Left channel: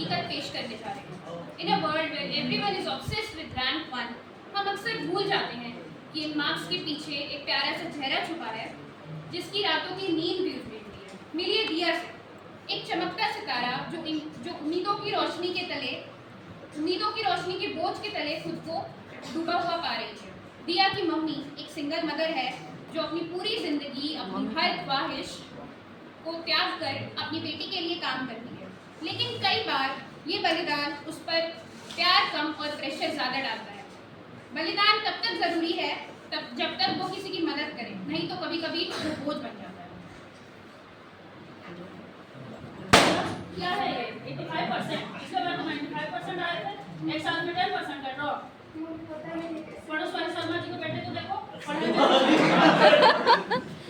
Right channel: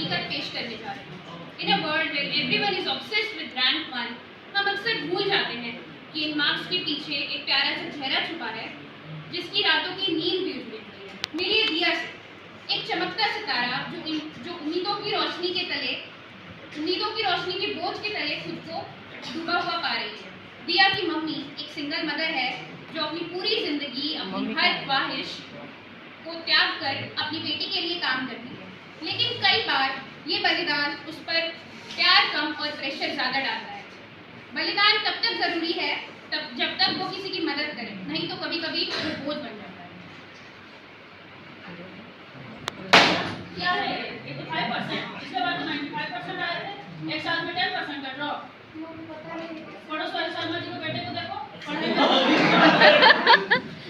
हकीकत पेश करने जा रहे हैं। In a world where everyone is obsessed with rank 1, हम अक्सर भूल जाते हैं कि इन मार्क्स के पीछे एक प्यारा सा चेहरा छुपा है, जिसकी रातों की नींद भी उजड़ी हुई है। मिलिए दिया से, एक चमकता सितारा जो उम्मीदों की रोशनी के बोझ के तले खुद को डूबा हुआ पा रही है। दिया की मम्मी एक सिंगल मदर है जो अपनी पूरी जिंदगी अपनी हर ख्वाहिश को त्याग कर अपनी बेटी के लिए काम करती है, लेकिन कई बार ये बलिदान उस पर प्यार कम और प्रेशर ज़्यादा डालता है। बलिदान तब तक ज़रूरी है जब तक वो किसी की मदद करे, नहीं तो कभी कभी वो बोझ बन जाता है। क्या है 85%, इसके बाद तो 95% आए थे, एक साल में 10% का ड्रॉप। पड़ोस वाले शर्मा जी के बेटे को देखो,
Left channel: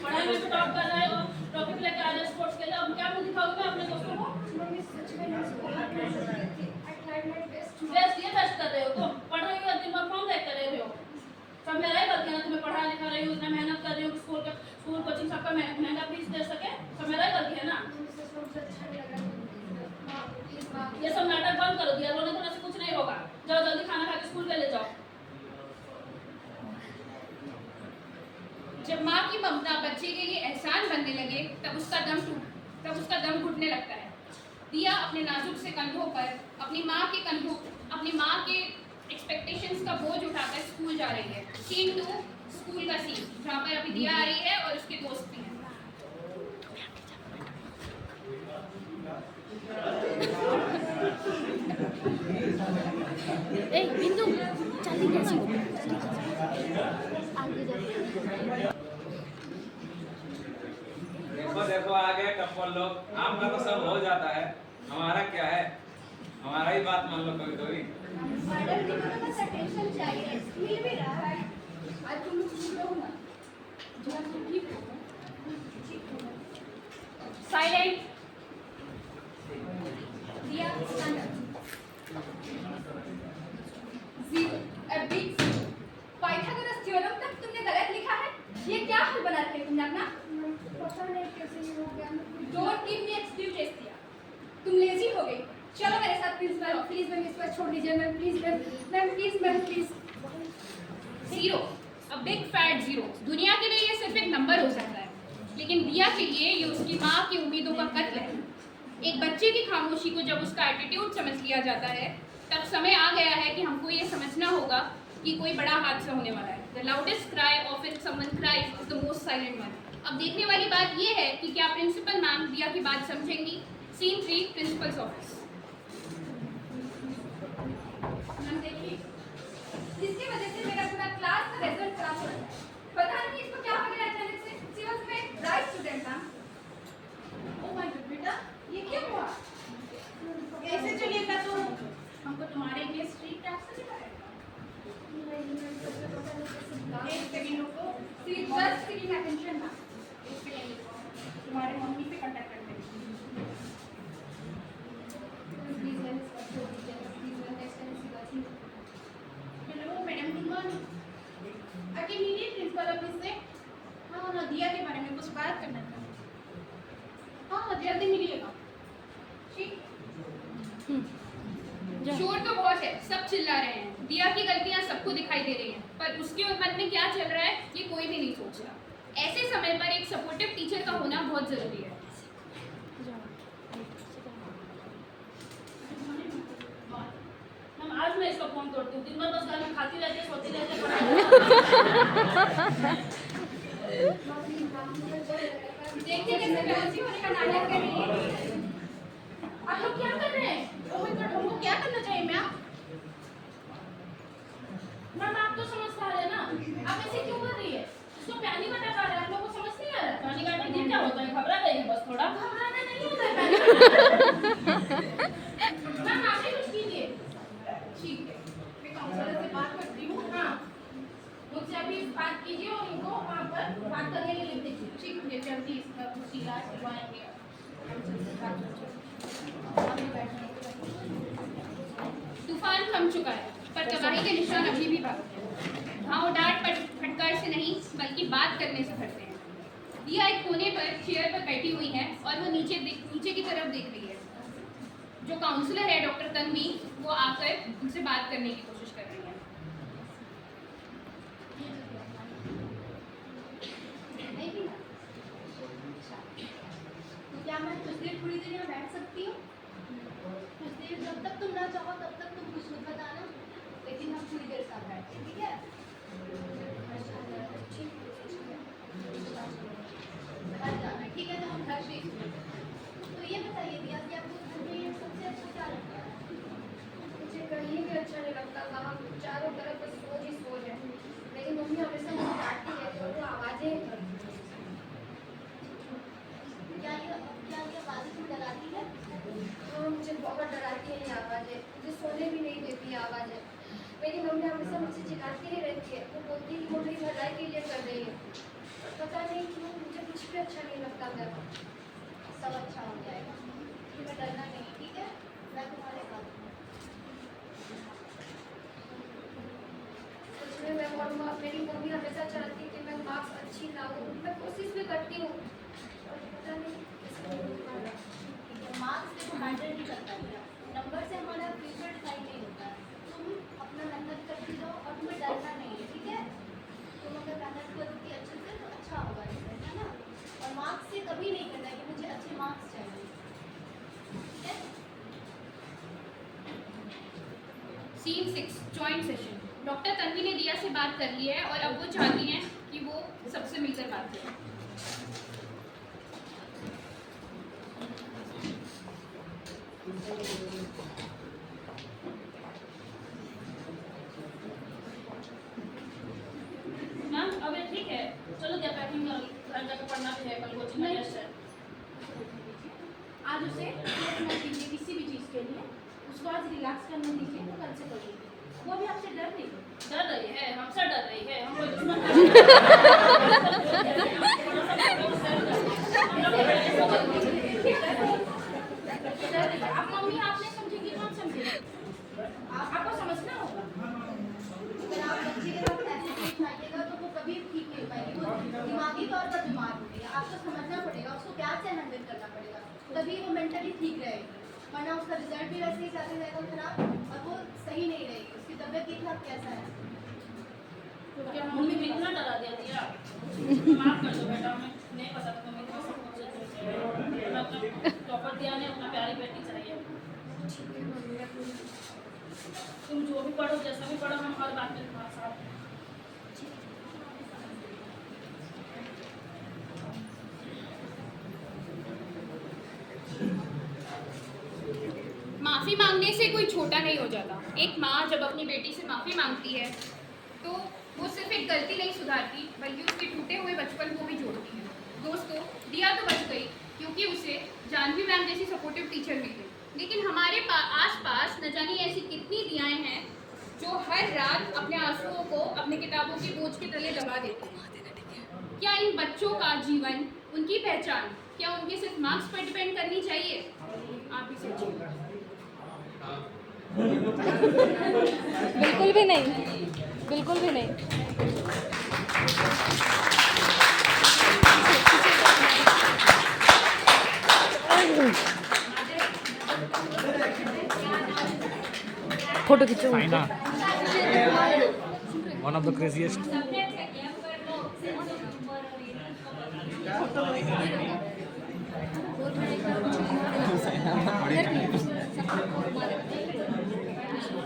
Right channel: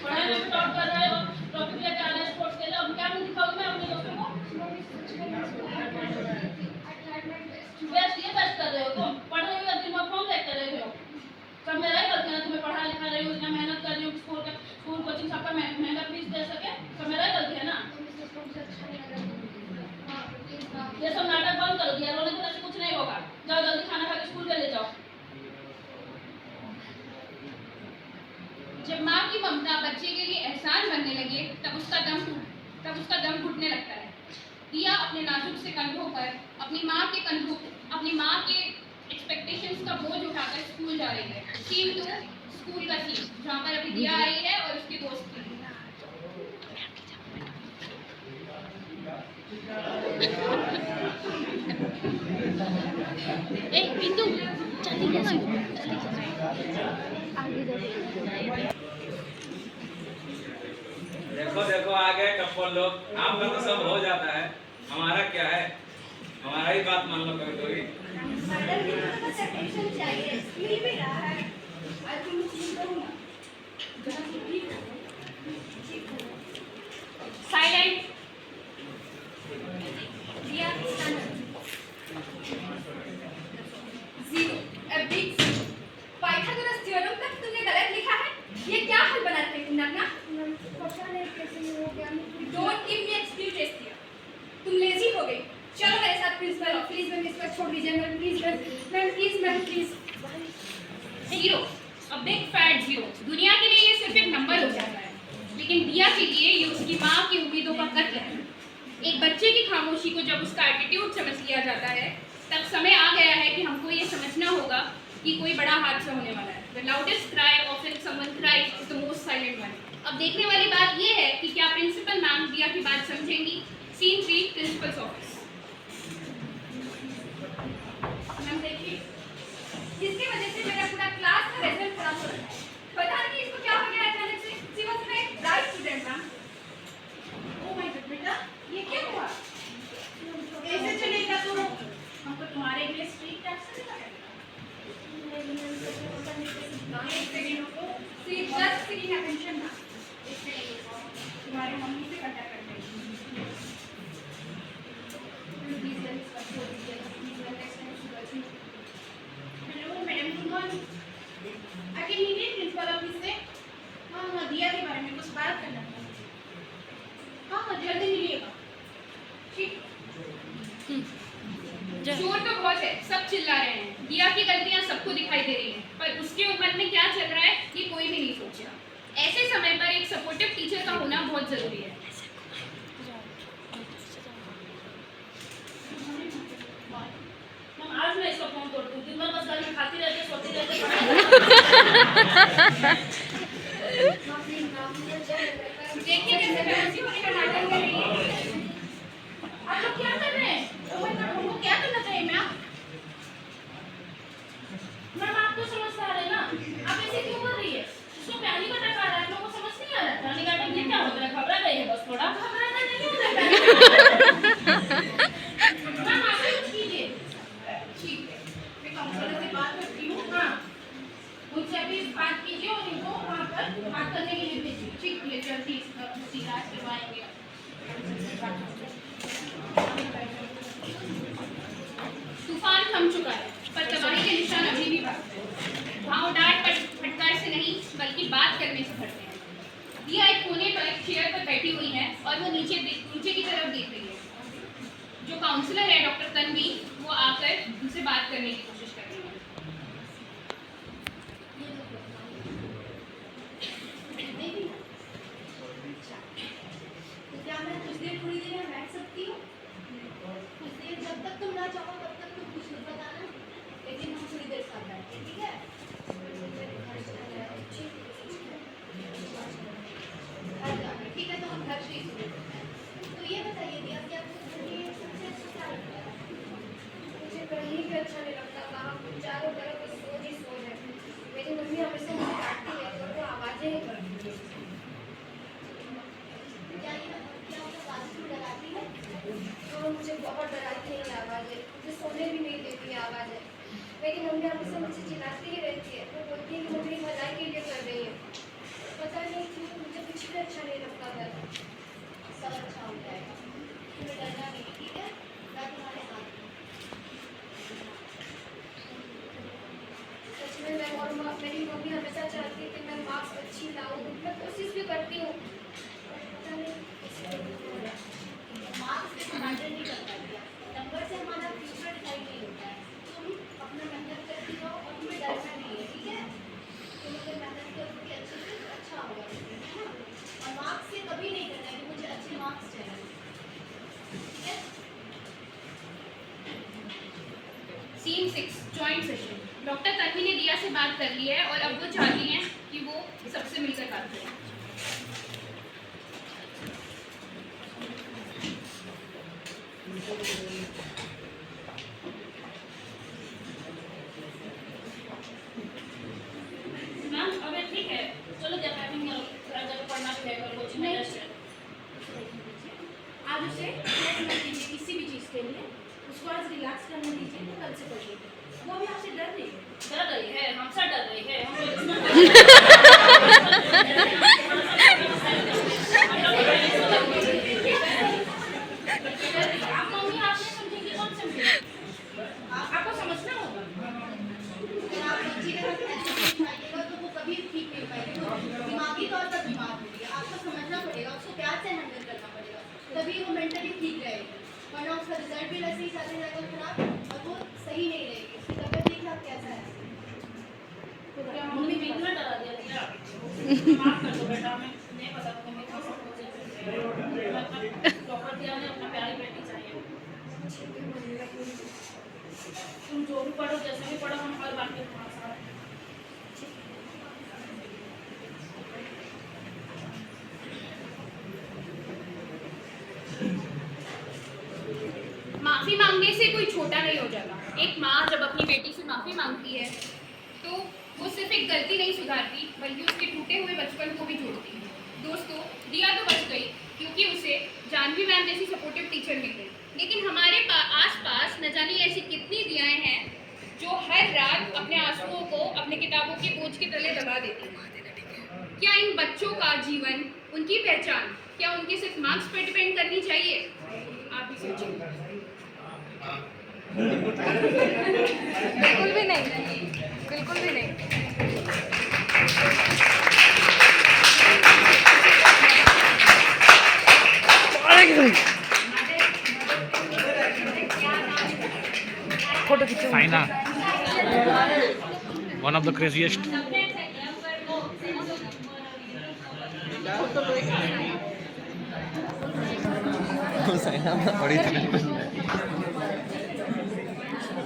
पढ़ाई में टॉप कर रहे हो, टॉपिक लेके आ रहे हैं स्पोर्ट्स के लिए। अब क्या मुझे दिखाओगे मैं अपने दोस्तों को? बेस्ट ये बेस्ट कर रहे हो तुम, पढ़ रही हो दिन में फोन देखते रहे हो। सब मेरा ही गलती है, तुम्हें पढ़ा लिखा रही हूँ, इतना मेहनत कर रही हूँ, स्कूल कोचिंग सबका महंगा फीस दे सके, सब मेरा ही गलती है ना। ये सब नाटक बंद करो, दिया रोने तो ऐसे कुछ नहीं होगा। जाओ जल्दी खाना खा के स्कूल पे ले जाओ। जब माँ की ममता बच्चे के लिए एहसान बनने लगे तब उसका दम घुटने लगता है। दिया अपने नाजुक से कंधों पर अपनी माँ के एक्सपेक्टेशंस का बोझ उठाकर स्कूल जा रही है। सीन 2, स्कूल का सीन, जहाँ पर अभी दिया आई है और उसके दोस्त भी। बिंदु देखो देखो आ गए कपल लोग। आम का तो सब हो जाता है, हमारा क्या है, हमारा ही बात मान लो कभी कभी। Silent. Zero, a big zero। Pythagoras theorem तक तुमने गलत लिखा है। ये क्या हल बना रखे तुमने अपना? Don't give me excuses दिया। तुम लेजी हो गई। चलो मेरे साथ प्रिंसिपल ऑफिस। प्लीज मैम इस पर छोड़ दीजिए ma'am, please. Zero, a big fat zero। दुनिया के लिए ये सिर्फ एक नंबर हो जाता है, लेकिन दिया के लिए ये उसकी माँ की उम्मीदों का कत्ल है। एक बच्चे की खामोशी को जब उसका एटीट्यूड समझ लिया जाता है, तब समय आ गया है कि हमको ये समझना होगा कि कोई बड़ा हादसा होने वाला है। The loudest cry of when someone cries is the most silent one। अब देखने वाली बात ये है कि क्या प्रिंसिपल मैम दिया की बात समझेंगी। Scene 3, principal's office. मैम देखिए, इसकी वजह से मेरा पूरा क्लास का रिजल्ट खराब हो रहा है। पता नहीं इसको क्या हो गया अचानक से। She was my bright student ma'am. Oh my God बेटा, ये क्या हुआ? कैसे चलेगा तो? हमको तुम्हारे लिए स्ट्रीट टैक्स से लगाएगा। एक सेकंड रुको, सी बस सीटिंग अटेंशन ना। एक सेकंड रुको, तुम्हारे मम्मी से कांटेक्ट करते हैं। Hello madam, good morning. आके मीटिंग प्रिंसिपल ऑफिस से। हाँ, दिया के बारे में कुछ बात करना था। हाँ, जल्दी मिलिएगा। ठीक। शोर तो बहुत है, सब चिल्ला रहे हैं। दिया की गलतियां सबको दिखाई दे रही हैं, पर उसके मन में क्या चल रहा है ये कोई भी नहीं सोचेगा। ऐसे समय पर एक सपोर्टिव टीचर का होना बहुत जरूरी है। आज मैं इसका फोन तोड़ती हूँ, दिन भर बस घर में खाती रहती, सोती रहती, पढ़ाई। देखिए कैसे बेहोशी होने का नाटक कर रही है। आप लोग क्या कर रहे हैं? ओह माय गॉड, हमको क्या करना चाहिए मैम? मैम आप तो समझदार है ना, आप ऐसे क्यों कर रही है? इसको पैनिक अटैक आ रहा है, लोगों को समझ नहीं आ रहा है। पैनिक अटैक ये क्या होता है? घबरा गई है बस थोड़ा। घबराना नहीं होता है। मैम आप ही कुछ कीजिए। ठीक है, मैं काउंसलर से बात करती हूँ। हाँ, मुझसे अभी बात कीजिए और इनको वहाँ पर बात करने के लिए भेजिए। ठीक है, जल्दी इसका इलाज करवाएंगे। तूफान थम चुका है, पर तबाही के निशान अभी भी बाकी हैं। भाव डांट फटकार से नहीं, बल्कि बात करने से फटते हैं। दिया एक कोने पर चेयर पर बैठी हुई है और वो नीचे की तरफ देख रही है। जो काउंसलर है डॉक्टर तन्वी, वो आकर उनसे बात करने की कोशिश कर रही है। नहीं भी ना? अच्छा। तो क्या मैं कुछ देर थोड़ी देर यहाँ बैठ सकती हूँ? कुछ देर जब तक तुम ना चाहो तब तक तुम कुछ मत बताना, लेकिन हम थोड़ी देर साथ बैठते हैं, ठीक है? घर जाना है, ठीक है? तो हम घर से ही शुरू करते हैं। तो ये बताइए दिया कि आपको घर में सबसे अच्छा क्या लगता है? मुझे कहीं भी अच्छा नहीं लगता, वहाँ चारों तरफ बस सोच ही सोच है। मेरी मम्मी हमेशा मुझे डांटती है तो वो आवाज़ें करती है। क्या ये आवाज़ें तुम्हें डराती है? तो मुझे बहुत डराती है ये आवाज़ें, मुझे सोने भी नहीं देती ये आवाज़ें। मेरी मम्मी हमेशा मुझे चिल्लाती ही रहती है, वो बोलती है कि वो मेरी भलाई के लिए कर रही है। पता नहीं क्यों मुझे कुछ भी अच्छा नहीं लगता मैं। सब अच्छा हो जाएगा, तुम्हें डरना नहीं है, ठीक है? मैं तुम्हारे साथ हूँ। सच में मैं और मेरी मम्मी हमेशा चाहती है कि मैं मार्क्स अच्छी लाऊँ, मैं कोशिश भी करती हूँ, और पता नहीं किसी को नहीं हो रहा। मार्क्स से मैटर नहीं करता है, नंबर से हमारा फ्यूचर डिसाइड नहीं होता है। तुम अपना मेहनत करती रहो और तुम्हें डरना नहीं है, ठीक है? तुम अगर मेहनत करोगी अच्छे से तो अच्छा होगा रिजल्ट, है ना? और मार्क्स से कभी नहीं करना है कि मुझे अच्छे मार्क्स चाहिए, ठीक है? Scene 6 joint session. Doctor Tanvi ने दिया से बात कर ली है और अब वो चाहती हैं कि वो सबसे मिलकर बात करें। मैम अब ये ठीक है, चलो क्या पैकिंग करो, घर जाकर पढ़ना भी है, कल कोचिंग में टेस्ट है। आज उसे रेस्ट मत दीजिए किसी भी चीज़ के लिए, उसको आज रिलैक्स करने दीजिए, तो कल से करिए। वो भी आपसे डर रही है। डर रही है, हमसे डर रही है, हम कोई दुश्मन आप मम्मी आपने समझेंगी कौन समझेगी? आपको समझना होगा। अगर आप बच्चे के साथ ऐसे सिखाइएगा तो वो कभी ठीक नहीं हो पाएगी, वो दिमागी तौर पर बीमार हो रही है। आपको समझना पड़ेगा, उसको प्यार से हैंडल करना पड़ेगा, तभी वो मेंटली ठीक रहेगी, वरना उसका रिजल्ट भी वैसे ही जाते जाएगा खराब और वो सही नहीं रहेगी। उसकी तबियत देखिए आप कैसा है। तो क्या मम्मी ने इतना डरा दिया दिया? माफ कर दो बेटा, हमें नहीं पता था तुम्हें कौन सा टॉपर दिया ने अपना प्यारी बेटी चाहिए। तुम जो भी पढ़ो, जैसे भी पढ़ो, हम हर बात के साथ हैं। माफ़ी मांगने से कोई छोटा नहीं हो जाता। एक माँ जब अपनी बेटी से माफ़ी मांगती है तो वो सिर्फ एक गलती नहीं सुधारती, बल्कि उसके टूटे हुए बचपन को भी जोड़ती है। दोस्तों, दिया तो बच गई क्योंकि उसे जानवी मैम जैसी सपोर्टिव टीचर मिल गई, लेकिन हमारे आसपास न जाने ऐसी कितनी दियाएं हैं जो हर रात अपने आंसुओं को अपने किताबों के बोझ के तले दबा देती हैं। क्या इन बच्चों का जीवन, उनकी पहचान, क्या उनके सिर्फ मार्क्स पर डिपेंड करनी चाहिए? आप भी सोचिए। बिल्कुल भी नहीं, बिल्कुल भी नहीं। फोटो खींचो। Saina, one of the craziest.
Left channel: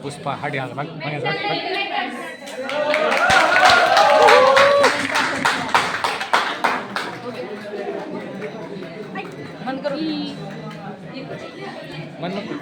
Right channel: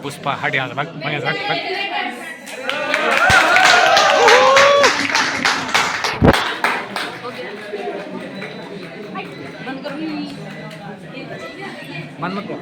Pushpa हट यहाँ से, भाग भाग यहाँ से, भाग। मन मत कर।